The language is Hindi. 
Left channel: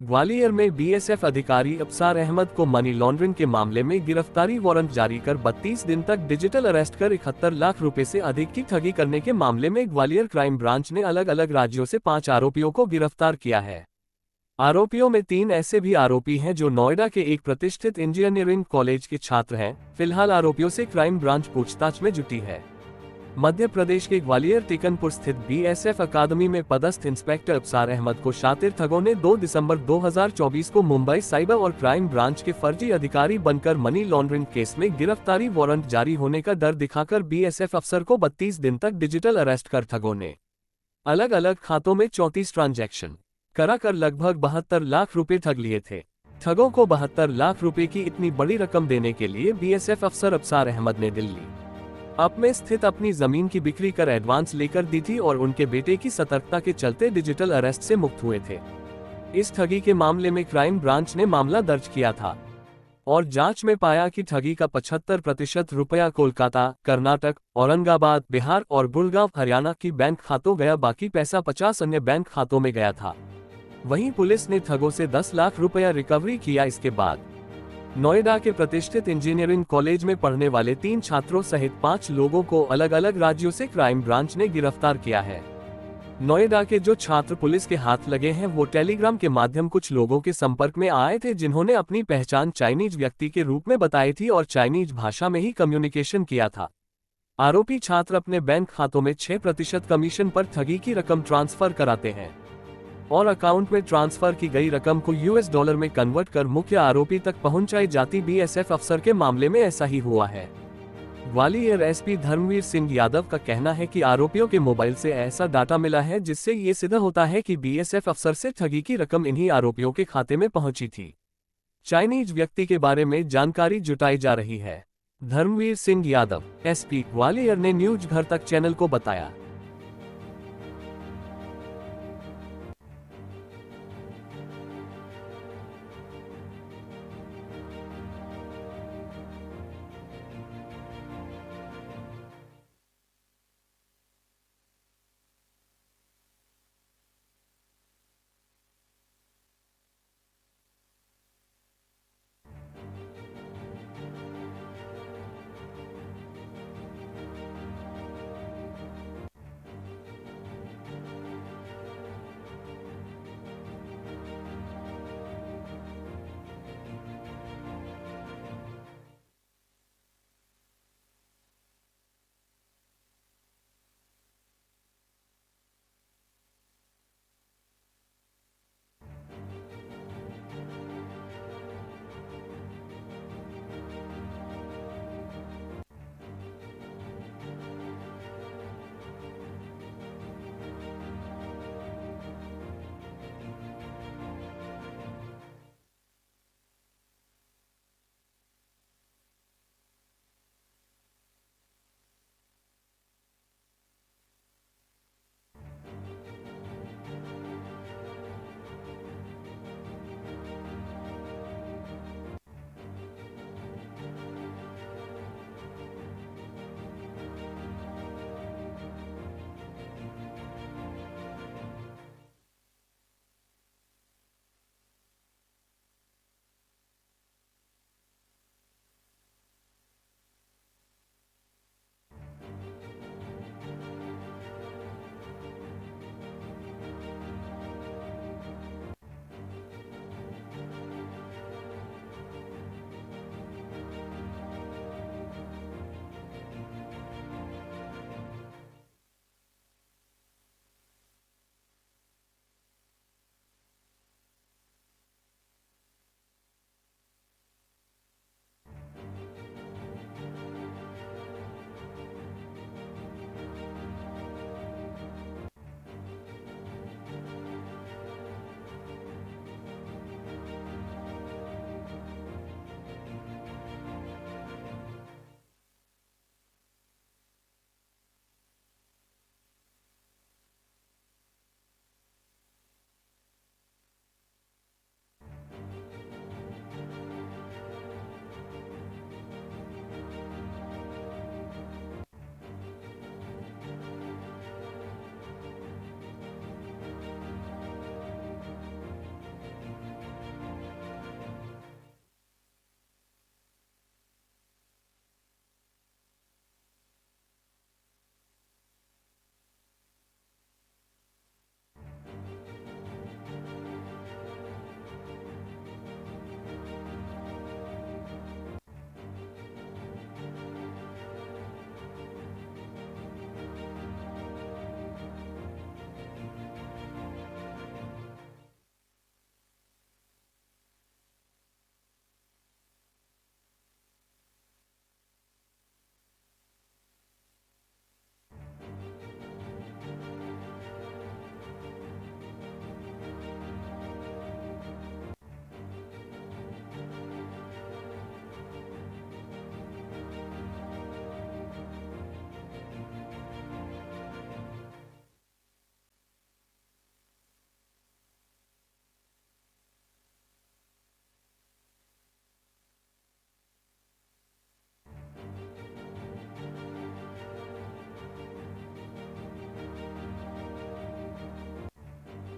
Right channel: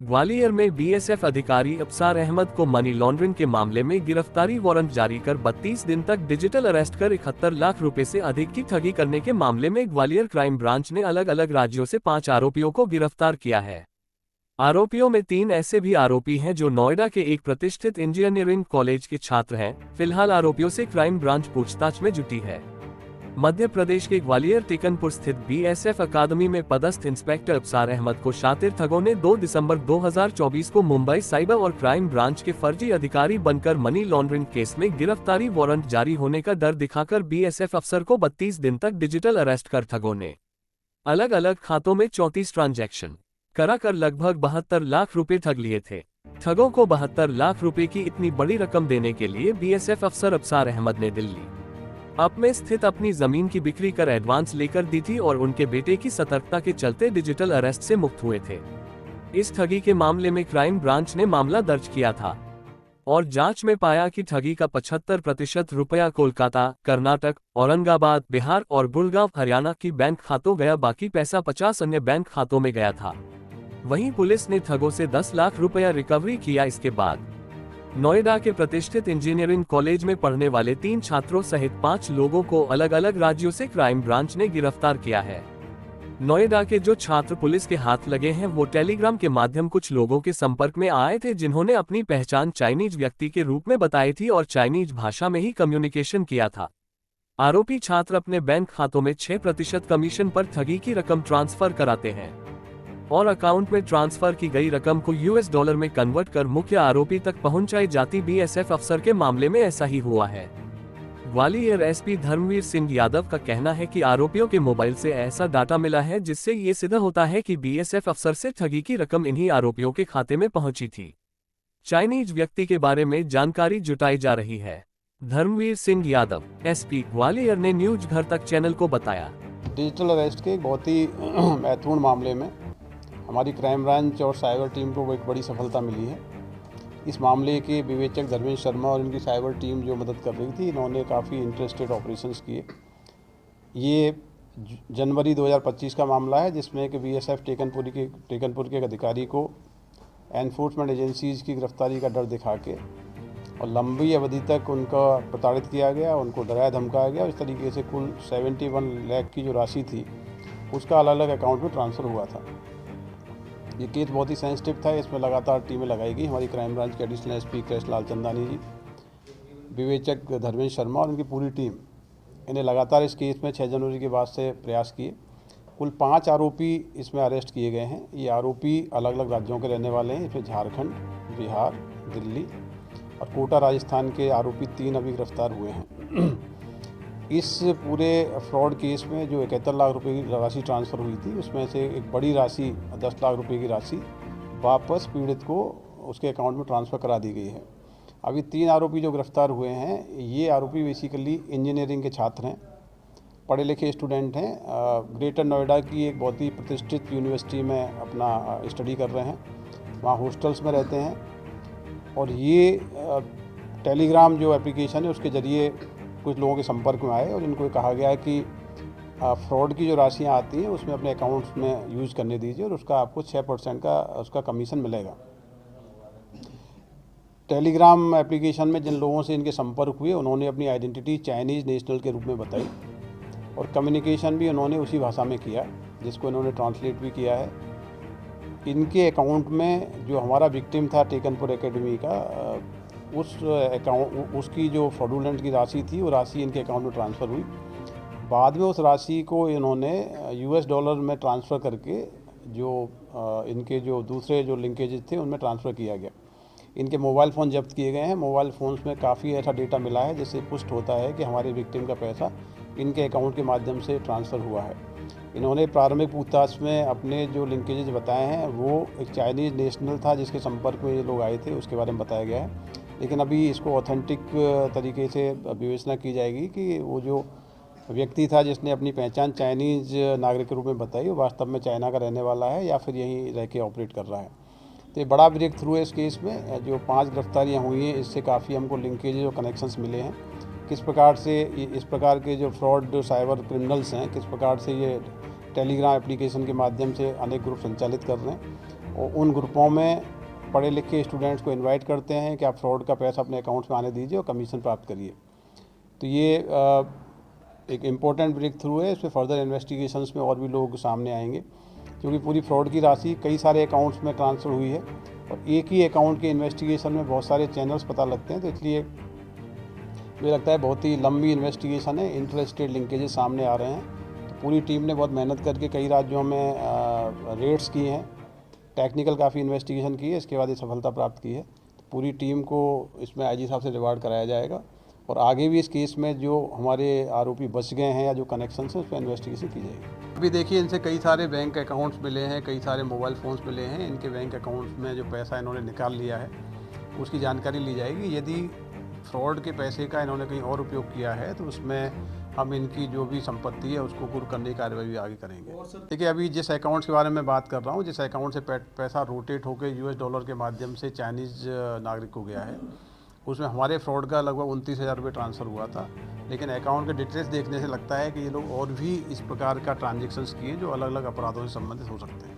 ग्वालियर में बीएसएफ अधिकारी अब्सार अहमद को मनी लॉन्ड्रिंग के मामले में गिरफ्तारी वारंट जारी कर 32 दिन तक डिजिटल अरेस्ट कर 71 लाख रुपए से अधिक की ठगी करने के मामले में ग्वालियर क्राइम ब्रांच ने अलग अलग राज्यों से 5 आरोपियों को गिरफ्तार किया है। आरोपियों में 3 ऐसे भी आरोपी हैं जो नोएडा के एक प्रतिष्ठित इंजीनियरिंग कॉलेज के छात्र हैं। फिलहाल आरोपियों से क्राइम ब्रांच पूछताछ में जुटी है। मध्य प्रदेश के ग्वालियर टेकनपुर स्थित बीएसएफ अकादमी में पदस्थ इंस्पेक्टर अब्सार अहमद को शातिर ठगों ने 2 दिसंबर 2024 को मुंबई साइबर और क्राइम ब्रांच के फर्जी अधिकारी बनकर मनी लॉन्ड्रिंग केस में गिरफ्तारी वारंट जारी होने का डर दिखाकर बीएसएफ अफसर को 32 दिन तक डिजिटल अरेस्ट कर ठगों ने अलग अलग खातों में 34 ट्रांजैक्शन कराकर लगभग 72 लाख रुपए ठग लिए थे। ठगों को 72 लाख रुपए की इतनी बड़ी रकम देने के लिए बीएसएफ अफसर अब्सार अहमद ने दिल्ली अप में स्थित अपनी जमीन की बिक्री कर एडवांस लेकर दी थी और उनके बेटे की सतर्कता के चलते डिजिटल अरेस्ट से मुक्त हुए थे। इस ठगी के मामले में क्राइम ब्रांच ने मामला दर्ज किया था और जांच में पाया कि ठगी का 75% रुपया कोलकाता, कर्नाटक, औरंगाबाद, बिहार और गुड़गांव, हरियाणा की बैंक खातों गया, बाकी पैसा 50 अन्य बैंक खातों में गया था। वहीं पुलिस ने ठगों से 10 लाख रुपया रिकवरी किया। इसके बाद नोएडा के प्रतिष्ठित इंजीनियरिंग कॉलेज में पढ़ने वाले 3 छात्रों सहित 5 लोगों को अलग अलग राज्यों से क्राइम ब्रांच ने गिरफ्तार किया है। नोएडा के जो छात्र पुलिस के हाथ लगे हैं वो टेलीग्राम के माध्यम कुछ लोगों के संपर्क में आए थे जिन्होंने अपनी पहचान चाइनीज व्यक्ति के रूप में बताई थी और चाइनीज भाषा में ही कम्युनिकेशन किया था। आरोपी छात्र अपने बैंक खातों में 6% कमीशन पर ठगी की रकम ट्रांसफर कराते हैं और अकाउंट में ट्रांसफर की गई रकम को यूएस डॉलर में कन्वर्ट कर मुख्य आरोपी तक पहुंचाई जाती। बीएसएफ अफसर के मामले में ऐसा ही हुआ है। ग्वालियर एसपी धर्मवीर सिंह यादव का कहना है कि आरोपियों के मोबाइल से ऐसा डाटा मिला है जिससे ये सिद्ध होता है कि बीएसएफ अफसर से ठगी की रकम इन्हीं आरोपियों के खाते में पहुंची थी। चाइनीज व्यक्ति के बारे में जानकारी जुटाई जा रही है। धर्मवीर सिंह यादव, एसपी ग्वालियर, ने न्यूज घर तक चैनल को बताया। डिजिटल अरेस्ट के बहुत ही महत्वपूर्ण मामले में हमारी क्राइम ब्रांच और साइबर टीम को एक बड़ी सफलता मिली है। इस मामले के विवेचक धर्मेश शर्मा और इनकी साइबर टीम जो मदद कर रही थी, इन्होंने काफ़ी इंटरेस्टेड ऑपरेशंस किए। ये जनवरी 2025 का मामला है जिसमें कि बीएसएफ टेकनपुर के एक अधिकारी को एनफोर्समेंट एजेंसीज की गिरफ्तारी का डर दिखा के और लंबी अवधि तक उनका प्रताड़ित किया गया, उनको डराया धमकाया गया। इस तरीके से कुल 71 लाख की जो राशि थी उसका अलग अलग अकाउंट में ट्रांसफ़र हुआ था। ये केस बहुत ही सेंसिटिव था। इसमें लगातार टीमें लगाई गई। हमारी क्राइम ब्रांच के एडिशनल एसपी कृष्ण लाल चंदानी जी, विवेचक धर्मेश शर्मा और उनकी पूरी टीम, इन्हें लगातार इस केस में 6 जनवरी के बाद से प्रयास किए। कुल 5 आरोपी इसमें अरेस्ट किए गए हैं। ये आरोपी अलग अलग राज्यों के रहने वाले हैं। इसमें झारखंड, बिहार, दिल्ली और कोटा राजस्थान के आरोपी 3 अभी गिरफ्तार हुए हैं। इस पूरे फ्रॉड केस में जो 71 लाख रुपए की राशि ट्रांसफ़र हुई थी उसमें से एक बड़ी राशि 10 लाख रुपए की राशि वापस पीड़ित को उसके अकाउंट में ट्रांसफ़र करा दी गई है। अभी 3 आरोपी जो गिरफ्तार हुए हैं, ये आरोपी बेसिकली इंजीनियरिंग के छात्र हैं, पढ़े लिखे स्टूडेंट हैं। ग्रेटर नोएडा की एक बहुत ही प्रतिष्ठित यूनिवर्सिटी में अपना स्टडी कर रहे हैं, वहाँ हॉस्टल्स में रहते हैं। और ये टेलीग्राम जो एप्लीकेशन है उसके ज़रिए कुछ लोगों के संपर्क में आए और इनको कहा गया है कि फ्रॉड की जो राशियाँ आती हैं उसमें अपने अकाउंट्स में यूज़ करने दीजिए और उसका आपको 6% का उसका कमीशन मिलेगा। टेलीग्राम एप्लीकेशन में जिन लोगों से इनके संपर्क हुए उन्होंने अपनी आइडेंटिटी चाइनीज़ नेशनल के रूप में बताई और कम्युनिकेशन भी उन्होंने उसी भाषा में किया जिसको इन्होंने ट्रांसलेट भी किया है। इनके अकाउंट में जो हमारा विक्टिम था टेकनपुर एकेडमी का, उस अकाउंट उसकी जो फ्रॉडुलेंट की राशि थी वो राशि इनके अकाउंट में ट्रांसफ़र हुई। बाद में उस राशि को इन्होंने यूएस डॉलर में ट्रांसफ़र करके जो इनके जो दूसरे जो लिंकेजेस थे उनमें ट्रांसफ़र किया गया। इनके मोबाइल फ़ोन जब्त किए गए हैं। मोबाइल फ़ोन्स में काफ़ी ऐसा डेटा मिला है जिससे पुष्ट होता है कि हमारे विक्टिम का पैसा इनके अकाउंट के माध्यम से ट्रांसफ़र हुआ है। इन्होंने प्रारंभिक पूछताछ में अपने जो लिंकेजेस बताए हैं वो एक चाइनीज़ नेशनल था जिसके संपर्क में ये लोग आए थे, उसके बारे में बताया गया है। लेकिन अभी इसको ऑथेंटिक तरीके से विवेचना की जाएगी कि वो जो व्यक्ति था जिसने अपनी पहचान चाइनीज़ नागरिक के रूप में बताई वो वास्तव में चाइना का रहने वाला है या फिर यहीं रह के ऑपरेट कर रहा है। तो ये बड़ा ब्रेक थ्रू है इस केस में। जो 5 गिरफ्तारियाँ हुई हैं इससे काफ़ी हमको लिंकेज और कनेक्शंस मिले हैं। किस प्रकार से इस प्रकार के जो फ्रॉड जो साइबर क्रिमिनल्स हैं, किस प्रकार से ये टेलीग्राम एप्लीकेशन के माध्यम से अनेक ग्रुप संचालित कर रहे हैं और उन ग्रुपों में पढ़े लिखे स्टूडेंट्स को इनवाइट करते हैं कि आप फ्रॉड का पैसा अपने अकाउंट्स में आने दीजिए और कमीशन प्राप्त करिए। तो ये एक इम्पोर्टेंट ब्रेक थ्रू है। इसमें फर्दर इन्वेस्टिगेशंस में और भी लोग सामने आएंगे, क्योंकि पूरी फ्रॉड की राशि कई सारे अकाउंट्स में ट्रांसफ़र हुई है और एक ही अकाउंट के इन्वेस्टिगेशन में बहुत सारे चैनल्स पता लगते हैं। तो इसलिए मुझे लगता है बहुत ही लंबी इन्वेस्टिगेशन है, इंटर स्टेट लिंकेजेस सामने आ रहे हैं। तो पूरी टीम ने बहुत मेहनत करके कई राज्यों में रेड्स की हैं, टेक्निकल काफ़ी इन्वेस्टिगेशन की है, इसके बाद ये सफलता प्राप्त की है। तो पूरी टीम को इसमें आईजी साहब से रिवार्ड कराया जाएगा और आगे भी इस केस में जो हमारे आरोपी बच गए हैं या जो कनेक्शन है उस पर इन्वेस्टिगेशन की जाएगी। अभी देखिए, इनसे कई सारे बैंक अकाउंट्स मिले हैं, कई सारे मोबाइल फ़ोन्स मिले हैं। इनके बैंक अकाउंट्स में जो पैसा इन्होंने निकाल लिया है उसकी जानकारी ली जाएगी। यदि फ्रॉड के पैसे का इन्होंने कहीं और उपयोग किया है तो उसमें हम इनकी जो भी संपत्ति है उसको कुर्क करने की कार्रवाई भी आगे करेंगे। देखिए, अभी जिस अकाउंट्स के बारे में बात कर रहा हूँ, जिस अकाउंट से पैसा रोटेट होकर US डॉलर के माध्यम से चाइनीज़ नागरिक को गया है, उसमें हमारे फ्रॉड का लगभग 29,000 रुपये ट्रांसफ़र हुआ था। लेकिन अकाउंट के डिटेल्स देखने से लगता है कि ये लोग और भी इस प्रकार का ट्रांजेक्शन्स किए जो अलग अलग अपराधों से संबंधित हो सकते हैं।